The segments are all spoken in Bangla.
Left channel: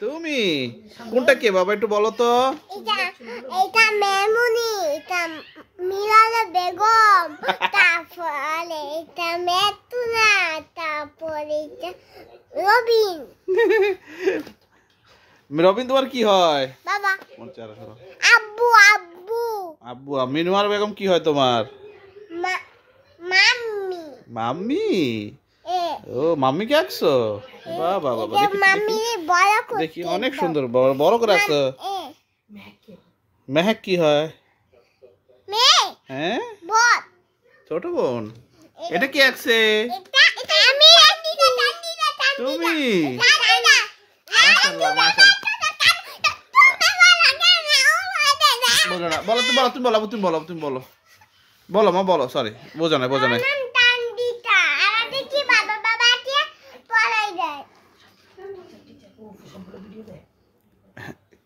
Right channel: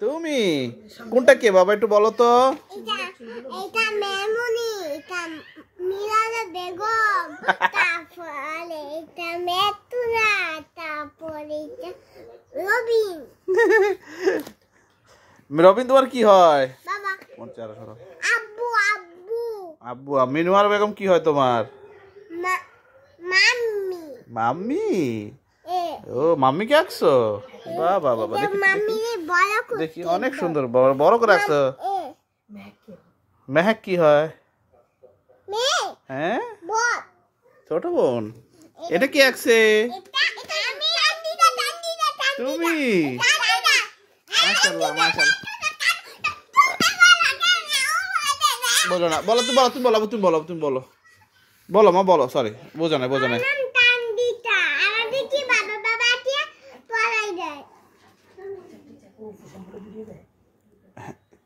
তুমি কোনটা কে বাবা একটু বলো তো? এটা মেমুনি, এটা মিরালা বেগম, তারপরে এটা মেতুনা, তারপরে এটা রবিন। রবিন তোমার কি হয়? বাবা। আব্বু আব্বু। আব্বু। মিনুয়ার বেগম কি হয় তোমার? মাম্মি। মাম্মি? ও মাম্মি কে আঁকছো? বাহ বাহ বাহ, দেখি দেখি অনেক সুন্দর বড় করে আঁকছো। মেহেক কি হয়? হ্যাঁ ছোট বোন। এটা কি আঁকছে? তুমি? মাশাআল্লাহ মাশাআল্লাহ। বলো না, বলো তুমি, বলো মা, বলো। সরি, বোঝা নাই।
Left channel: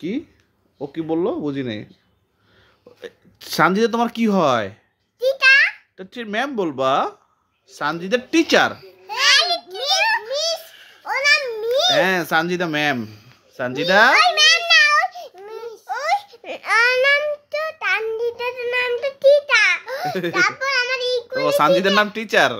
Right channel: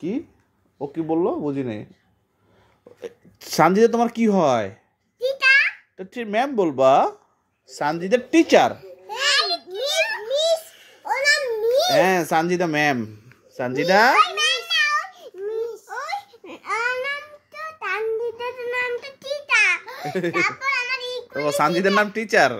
কি ও কি বললো বুঝি নেই। সানজিদা তোমার কি হয়? ম্যাম বলবা। সানজিদা টিচার। হ্যাঁ সানজিদা ম্যাম। সানজিদা ও সানজিদার নাম টিচার।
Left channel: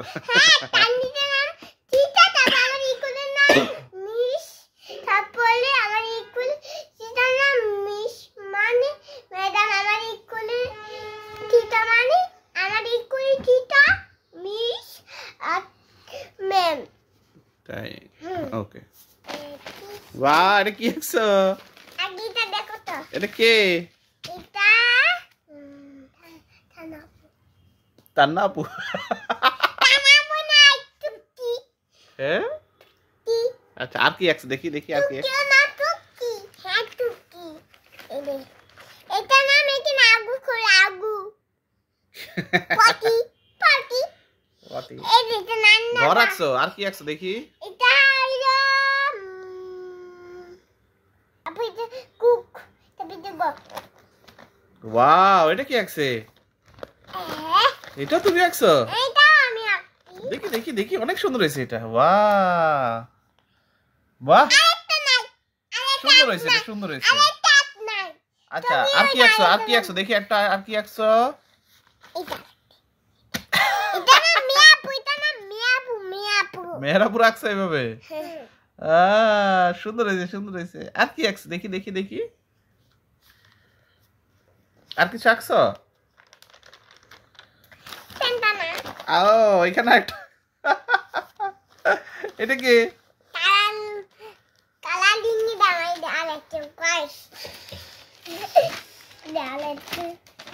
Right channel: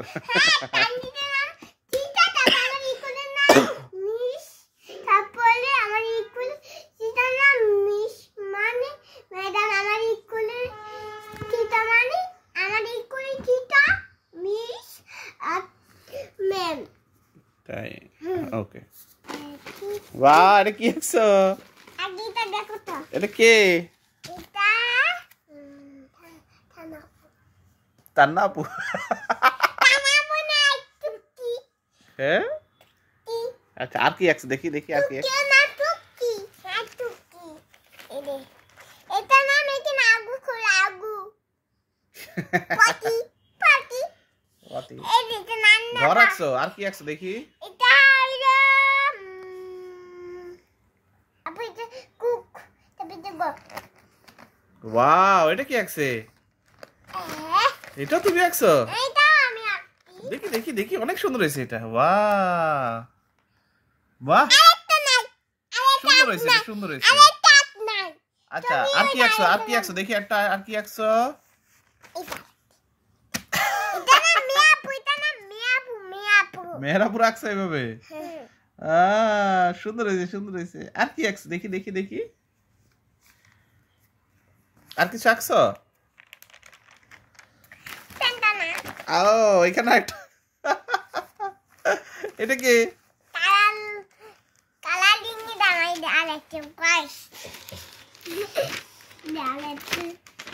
তাই ওকে। বাহ এটা কি আঁকছো? এটা কে? তান্না আপু। হ্যাঁ আচ্ছা, আর কি আঁকছো দেখি আর কি? ঘর আঁকছো, আর কি আঁকছো দেখি? ওয়াও এটা কি আঁকছে? এটা তুমি আঁকছো? দেখি অনেক সুন্দর হয়েছে এটা। বাহ বাহ সুন্দর হয়েছে। আচ্ছা আর কি আঁকছো দেখি একটা, আর কি আঁকছো? মেহেরাপুর আঁকছো এইভাবে? সুন্দর হয়েছে। আর কি আঁকছো দেখি আর কিছু আঁকছো? ও এখানে একটা। এটা কি?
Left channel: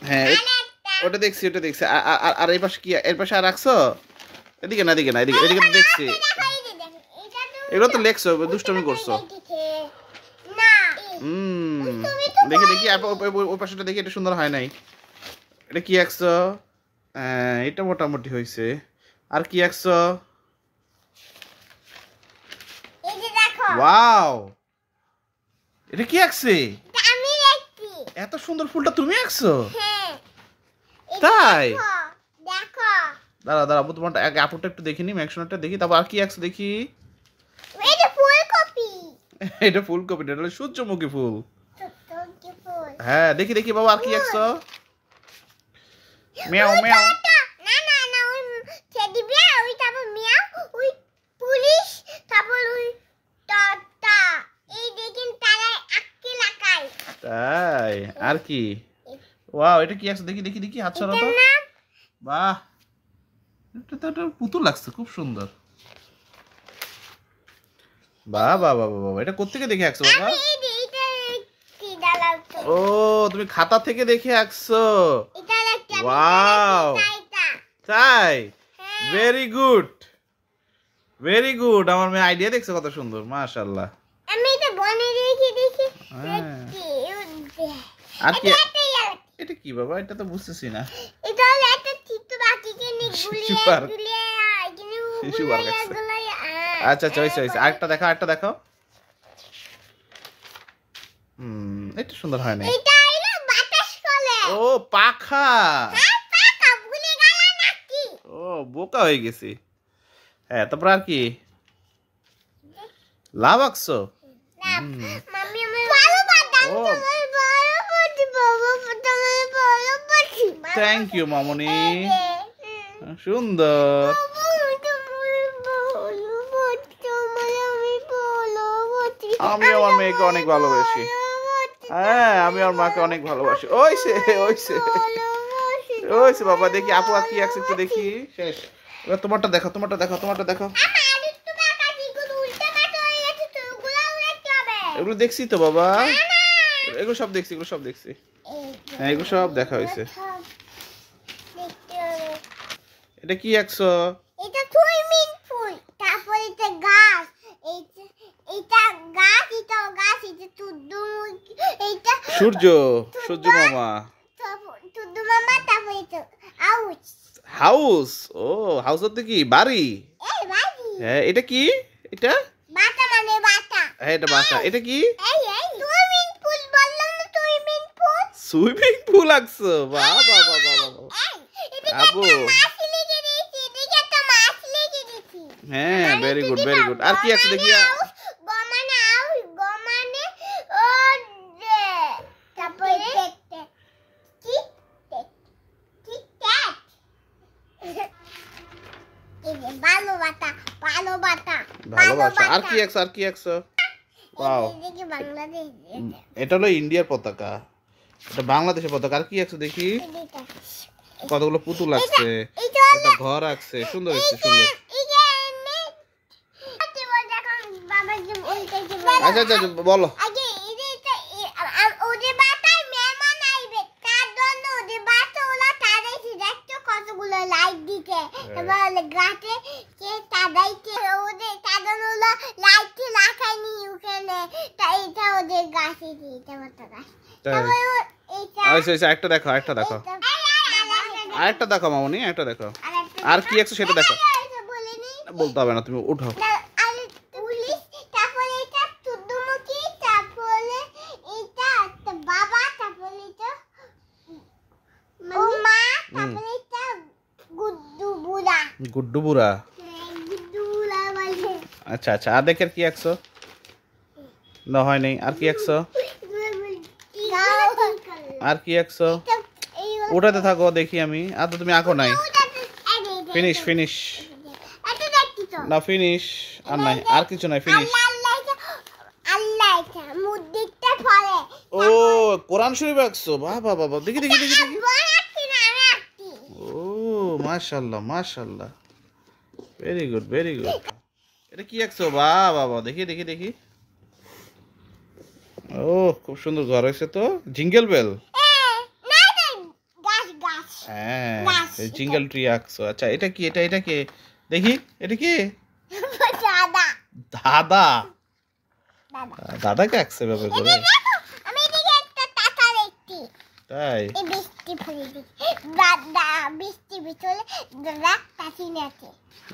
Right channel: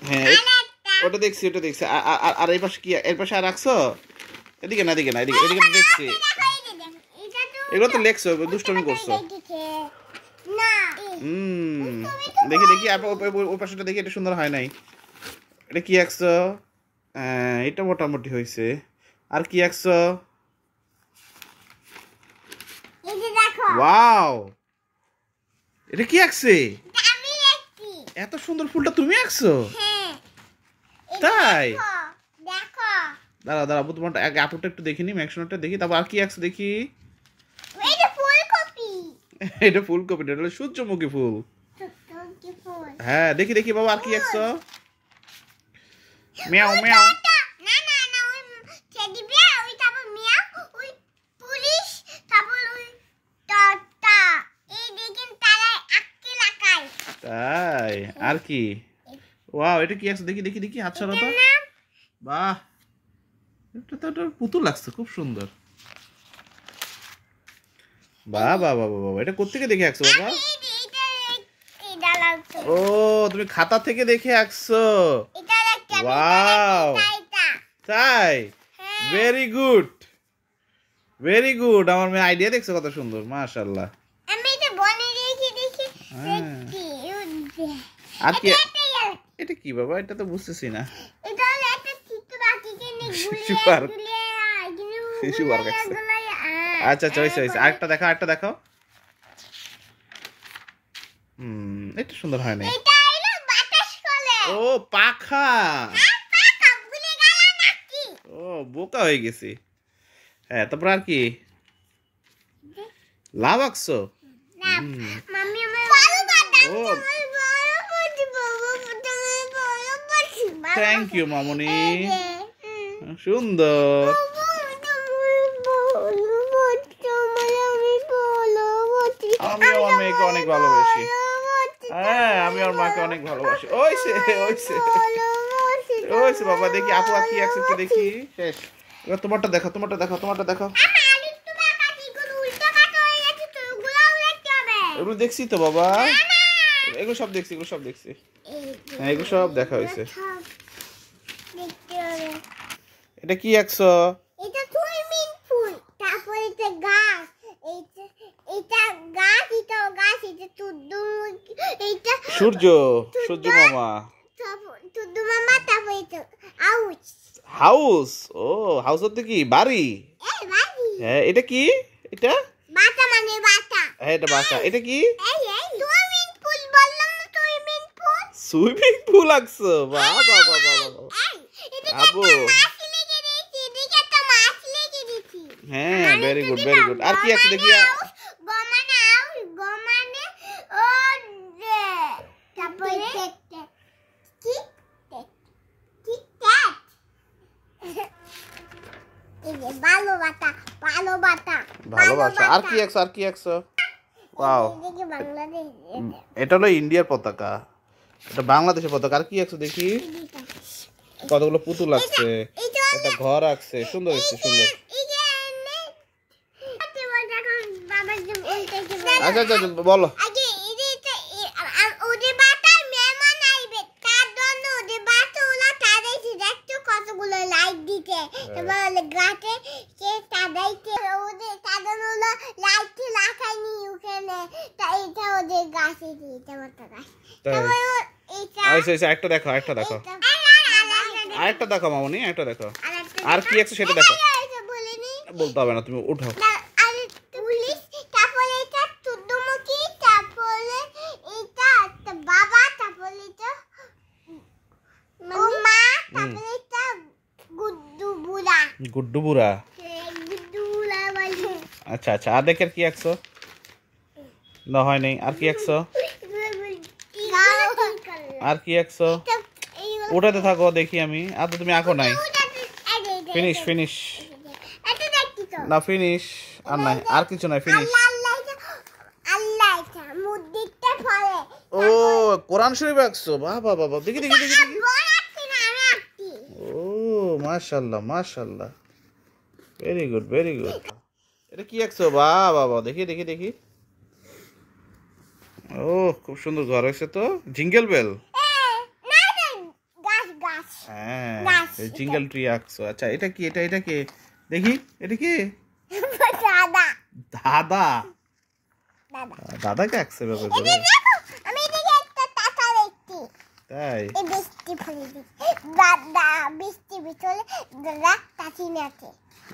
হ্যাঁ ওটা দেখছি। আর এই পাশে কি? এর পাশে আর রাখছো? এদিকে না এদিকে দেখছি। এগুলো তো লেখছো, দুষ্টমি করছো। দেখি ওই পাশেটা দেখি, এটা সুন্দর হয় নাই। এটা কি আঁকছো? এটা মোটামুটি হয়েছে। আর কি আঁকছো? ওয়াও এটা কি আঁকছে? এত সুন্দর ফুলটা তুমি আঁকছো? তাই দাঁড়া তোমার আপুরটা একটু দেখিনি, ম্যাক্সনটা দেখি, তারপর আর কি আঁকছো দেখি? এটা ফুলকপি, এটা হলো সূর্যমুখী ফুল। হ্যাঁ দেখি বাবা আর কি আঁকছো? মিয়াও তাই আর কি? ওয়াও এটা কি আঁকছো দেখি হাত সরাও তো। বাহ এটা তো পুতুল লাগছে, খুব সুন্দর। বাহ এটা কোত্থেকে দেখে আঁকছো বাবা? ও তুমি খাতা থেকে দেখে আঁকছো? ওয়াও তাই ভেরি গুড। আমার মেয়ে আইডিয়া দেখছো কত সুন্দর, মাশাআল্লাহ। আর কি? এটা কি বাবা? এটা তো বুঝতেছি না। শিশু পার্ক আছে। আচ্ছা আরেকটা দেখাও। এটা সুন্দর হয় নাই। ও পাখা। ও বোকা হয়ে গেছি। হ্যাঁ তারপর আর কি? লাভ আঁকছো? মাম্মি আমার ভালো বাটা ও বাবা থ্যাংক ইউ মামনি, সুন্দর। আমি আমার মেয়েকে অনেক ভালোবাসি। হ্যাঁ, আমি আমার মাকে অনেক ভালোবাসি। ওইসে ওইসে ওইসে বাবা, দেখি আপু কি আছে একটু দেখি। শেষ, এবার তোমারটা দেখো, তোমারটা দেখো, তোমারটা দেখো। এগুলো দেখছি তো বাবা, এগুলো সব দেখছি, এগুলো সব দেখছি। হ্যাঁ, এগুলো সব দেখা হয়েছে। এটা কি আঁকছো? এটা সুইমিং পুল, তারপর এটা গাছ, এটা গাছ, এটা গাছ, এটা সূর্যমুখী, এটা সূর্য, সূর্য মামা। সূর্য মামা, তারপর এটা হাউস। হাউস, ও হাউস হচ্ছে কি বাড়ি? এই বাড়ি। হ্যাঁ, এটা কি? এটা বাটা মানে বাটা। হ্যাঁ, এটা বাসা। এটা কি? এই সুইমিং পুল, বললাম না সুইমিং পুল। Swimming pool আঁকছো? বাহ বাহ বাহ বাহ বাহ। আবু, হ্যাঁ, ভেরি গুড ভেরি গুড। আর কি আছে দেখি? ভালোবাসা। আর কি আঁকছো? আর কি আঁকছো? ওয়াও, এটা হলো ইন্ডিয়ার পতাকা, এটা বাংলাদেশের পতাকা। আর কি আঁকছো দেখি? কতগুলো পুতুল আঁকছে, একটা ঘর আঁকছে, সুন্দর হচ্ছে, সুন্দর। আচ্ছা আচ্ছা আচ্ছা, বলো। লাইট দিতে গাছে তাদাইতে ওদের তাদানো লাইট লাগাইনি ওখানে, তাই এটা ওদের গাছে দিতে মতো গাছ। আচ্ছা, একটা দেখো, একটা দেখো, আরেকটা দেখো মামনি, একটা দেখো। আর কি আঁকছো সেটা দেখো। বলতে হবে না, তুমি উঠাও। পুলিশ, তারপরে এটা সূর্যমুখী, তারপরে এটা বাবা, তারপরে এটা ও মা, তারপরে এটা গুড্ডু বুড়া। গুড্ডু বুড়া, গুড্ডু বুড়া বলে। আচ্ছা আচ্ছা। আর দেখে আর কি আঁকছো? না, হয় নাই। আর কি আঁকছো? আর কি আঁকছো? ওটাতে থাকো, দেখি আমি। আর তো তুমি আঁকো নাই। ফিনিশ ফিনিশ, না ফিনিশ, আর নাই, আর কিছু নাই, ফিনিশ। ও কোরআন শরীফ আঁকছো? বাহ বাহ বাহ, দেখি দেখি দেখি দেখি। ও মাশাআল্লাহ মাশাআল্লাহ, ভেরি গুড ভেরি গুড। এটা কি আঁকছো? বাহ বাহ বাহ, দেখি দেখি দেখি। ও খুব সুন্দর ঘর হয়েছে তো। জিঙ্গেল বেল, হ্যাঁ, জিঙ্গেল ট্রি আঁকছো। আচ্ছা, এটা কি? এটা এটা কি দেখি? এটা কি? দাদা, দাদাকে আঁকছে বাবা করে। তাই?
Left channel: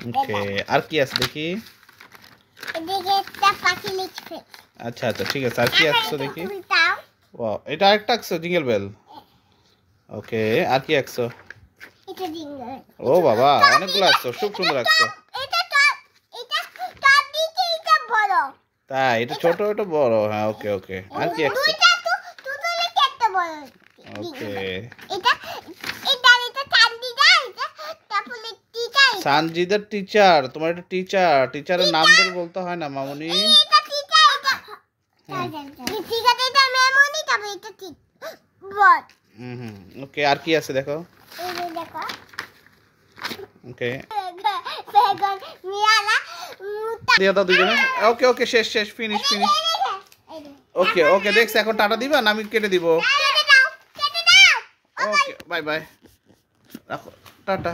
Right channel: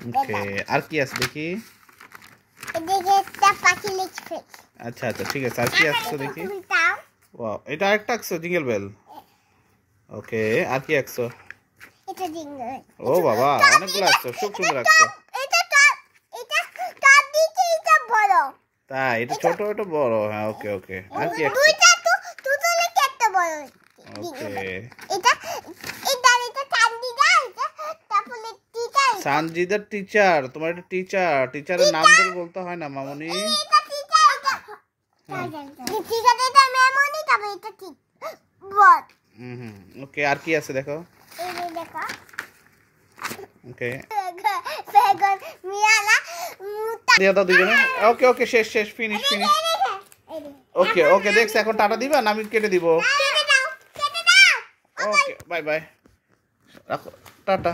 ওকে, আর কি আছে দেখি? আচ্ছা আচ্ছা, ঠিক আছে। আর কি আঁকছো দেখি? ওয়াও, এটা আরেকটা আঁকছো, জিঙ্গেল বেল। ওকে, আর কি আঁকছো? ও বাবা, অনেকগুলো আঁকছো, খুব সুন্দর আঁকছো। তাই? এটা ছোট, এটা বড়। হ্যাঁ, ওকে ওকে। আর কি আঁকছো? ওকে, সানজিদার টিচার। তোমার এটা টিচার, টিচারের নাম ধরে বলতে হয় না মামনি। ওকে, আর কি আছে দেখো? ওকে, দিয়ে দাও দুজনে। ওকে ওকে, শেষ শেষ, ফিনিশ ফিনিশ। ওকে ওকে, দেখছি। এখন টাটা দিবা না আমি কেটে দিব? ওকে, বাই বাই, রাখো, টাটা।